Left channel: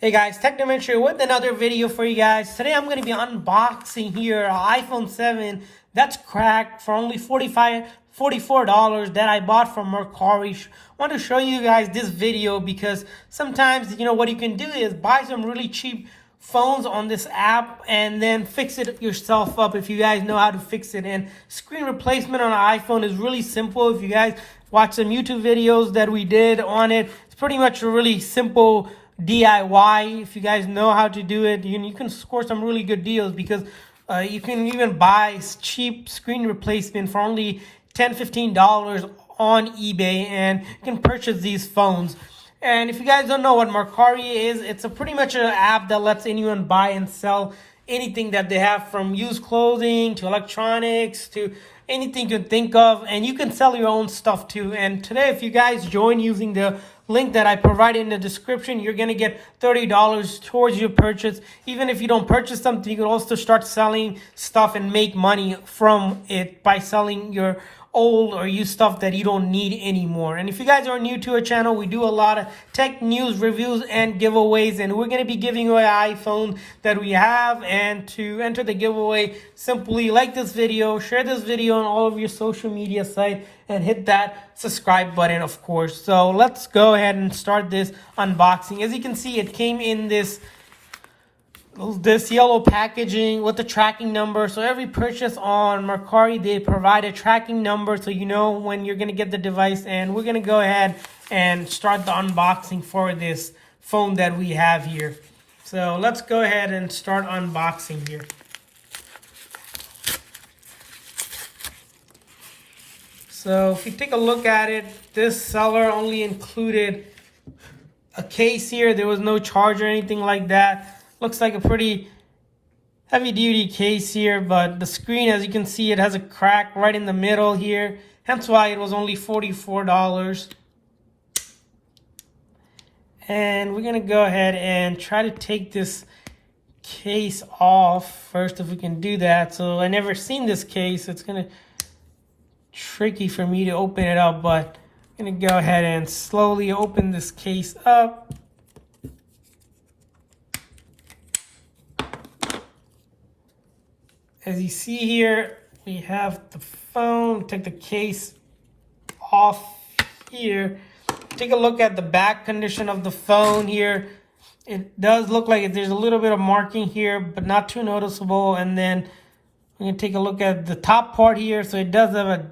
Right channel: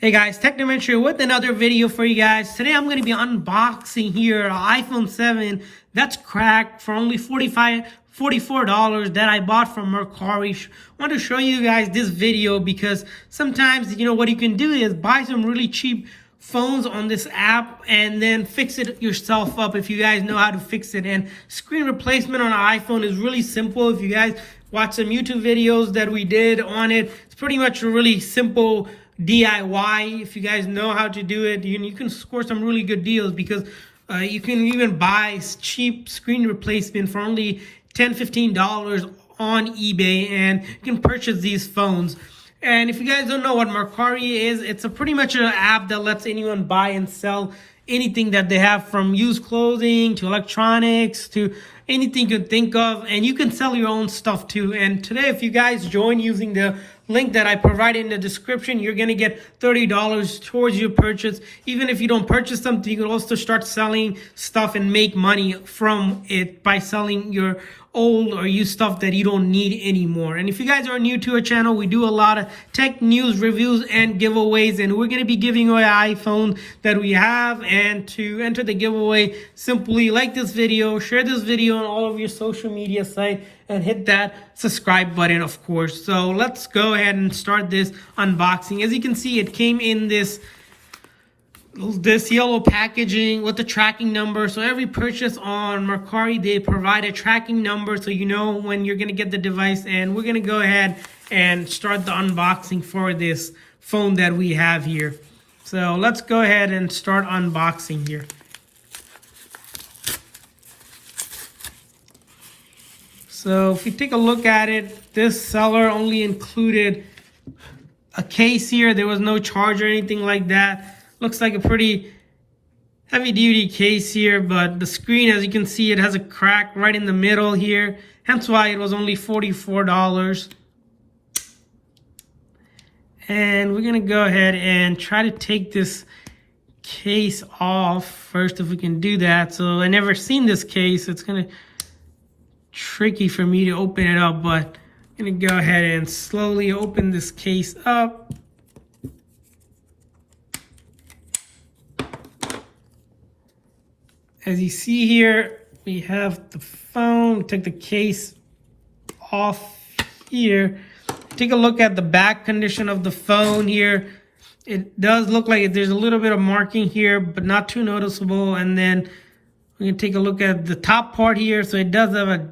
Hey guys, Technoventure with another video for you guys. Today I'm going to be unboxing here an iPhone 7 that's cracked for only $44 that I bought from Mercari. I want to show you guys this video because sometimes, what you can do is buy some really cheap phones on this app and then fix it yourself up if you guys know how to fix it. And screen replacement on an iPhone is really simple. If you guys watch some YouTube videos that we did on it, it's pretty much a really simple DIY. If you guys know how to do it, you can score some really good deals because you can even buy cheap screen replacement for only $10-15 on eBay, and you can purchase these phones. And if you guys don't know what Mercari is, it's pretty much an app that lets anyone buy and sell anything that they have, from used clothing to electronics to anything you can think of, and you can sell your own stuff too. And today, if you guys join using the link that I provided in the description, you're going to get $30 towards your purchase. Even if you don't purchase something, you can also start selling stuff and make money from it by selling your old or used stuff that you don't need anymore. And if you guys are new to our channel, we do a lot of tech news, reviews, and giveaways, and we're going to be giving away an iPhone that we have. And to enter the giveaway, simply like this video, share this video on all of your social media sites, and hit that subscribe button, of course. So let's go ahead and start this unboxing. As you can see, it came in this yellow packaging with the tracking number. So every purchase on Mercari, they provide a tracking number so you know when you're going to get the device. And we're going to go ahead and start the unboxing for this phone that we have here. So let's go ahead and start unboxing here. So if you take a look at it, this seller only included a case here. There was no charger or anything like that. Looks like a pretty heavy duty case here, but the screen, as you can see, it has a crack right in the middle here. Hence why it was only $44. And we're gonna go ahead and try to take this case off first, if we can do that. So I never seen this case. It's gonna tricky for me to open it up, but I'm gonna go ahead and slowly open this case up. As you see here, we have the phone. Take the case off here. Take a look at the back condition of the phone here. It does look like there's a little bit of marking here, but not too noticeable. And then we're gonna take a look at the top part here. So it does have a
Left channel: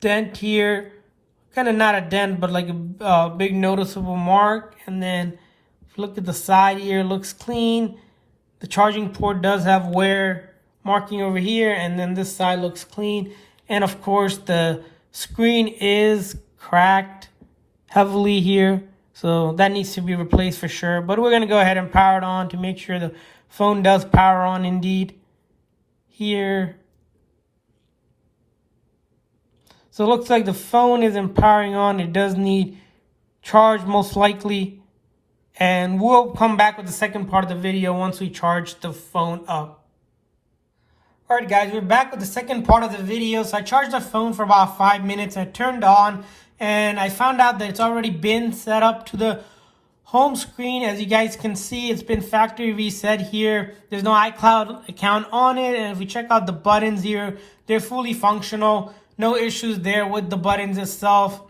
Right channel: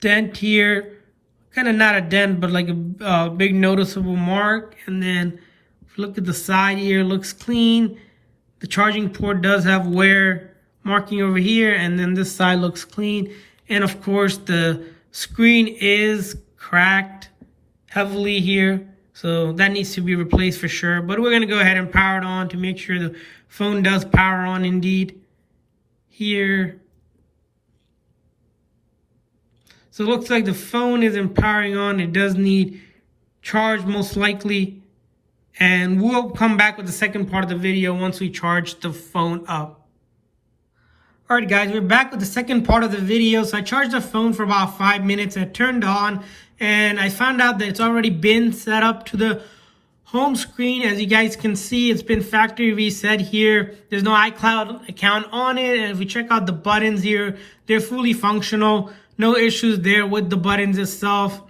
dent here, kind of not a dent, but like a big noticeable mark. And then if you look at the side here, it looks clean. The charging port does have wear marking over here, and then this side looks clean. And of course, the screen is cracked heavily here, so that needs to be replaced for sure. But we're gonna go ahead and power it on to make sure the phone does power on indeed here. So it looks like the phone isn't powering on. It does need charge most likely. And we'll come back with the second part of the video once we charge the phone up. Alright guys, we're back with the second part of the video. So I charged the phone for about 5 minutes. I turned on and I found out that it's already been set up to the home screen. As you guys can see, it's been factory reset here. There's no iCloud account on it. And if we check out the buttons here, they're fully functional. No issues there with the buttons itself.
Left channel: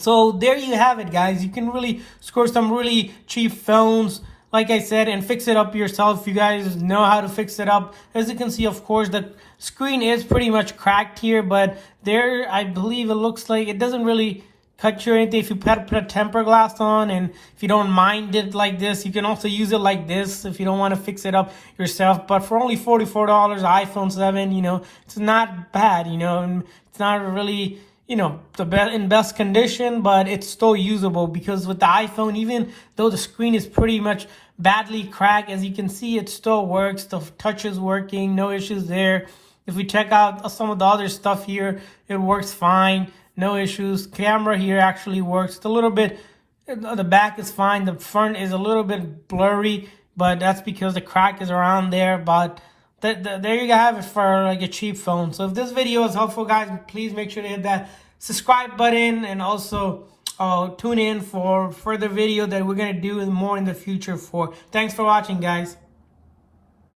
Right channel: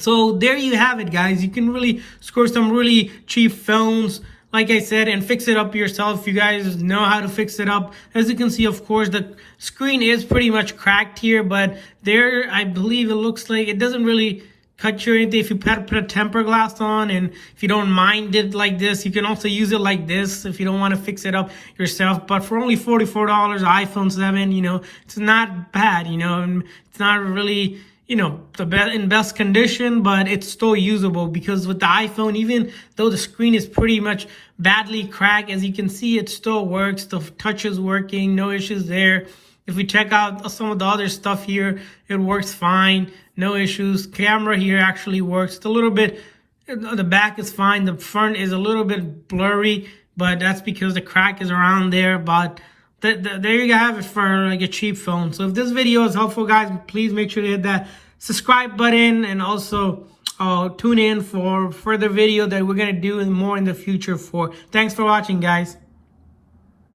So there you have it, guys. You can really score some really cheap phones, like I said, and fix it up yourself if you guys know how to fix it up. As you can see, of course, the screen is pretty much cracked here, but there, I believe it looks like it doesn't really cut you or anything. If you put a temper glass on, and if you don't mind it like this, you can also use it like this if you don't want to fix it up yourself. But for only $44, iPhone 7, it's not bad, it's not really, in best condition, but it's still usable, because with the iPhone, even though the screen is pretty much badly cracked, as you can see, it still works. The touch is working, no issues there. If we check out some of the other stuff here, it works fine, no issues. Camera here actually works. It's a little bit, the back is fine. The front is a little bit blurry, but that's because the crack is around there. But there you have it for like a cheap phone. So if this video is helpful, guys, please make sure to hit that subscribe button, and also tune in for further video that we're gonna do more in the future for. Thanks for watching, guys.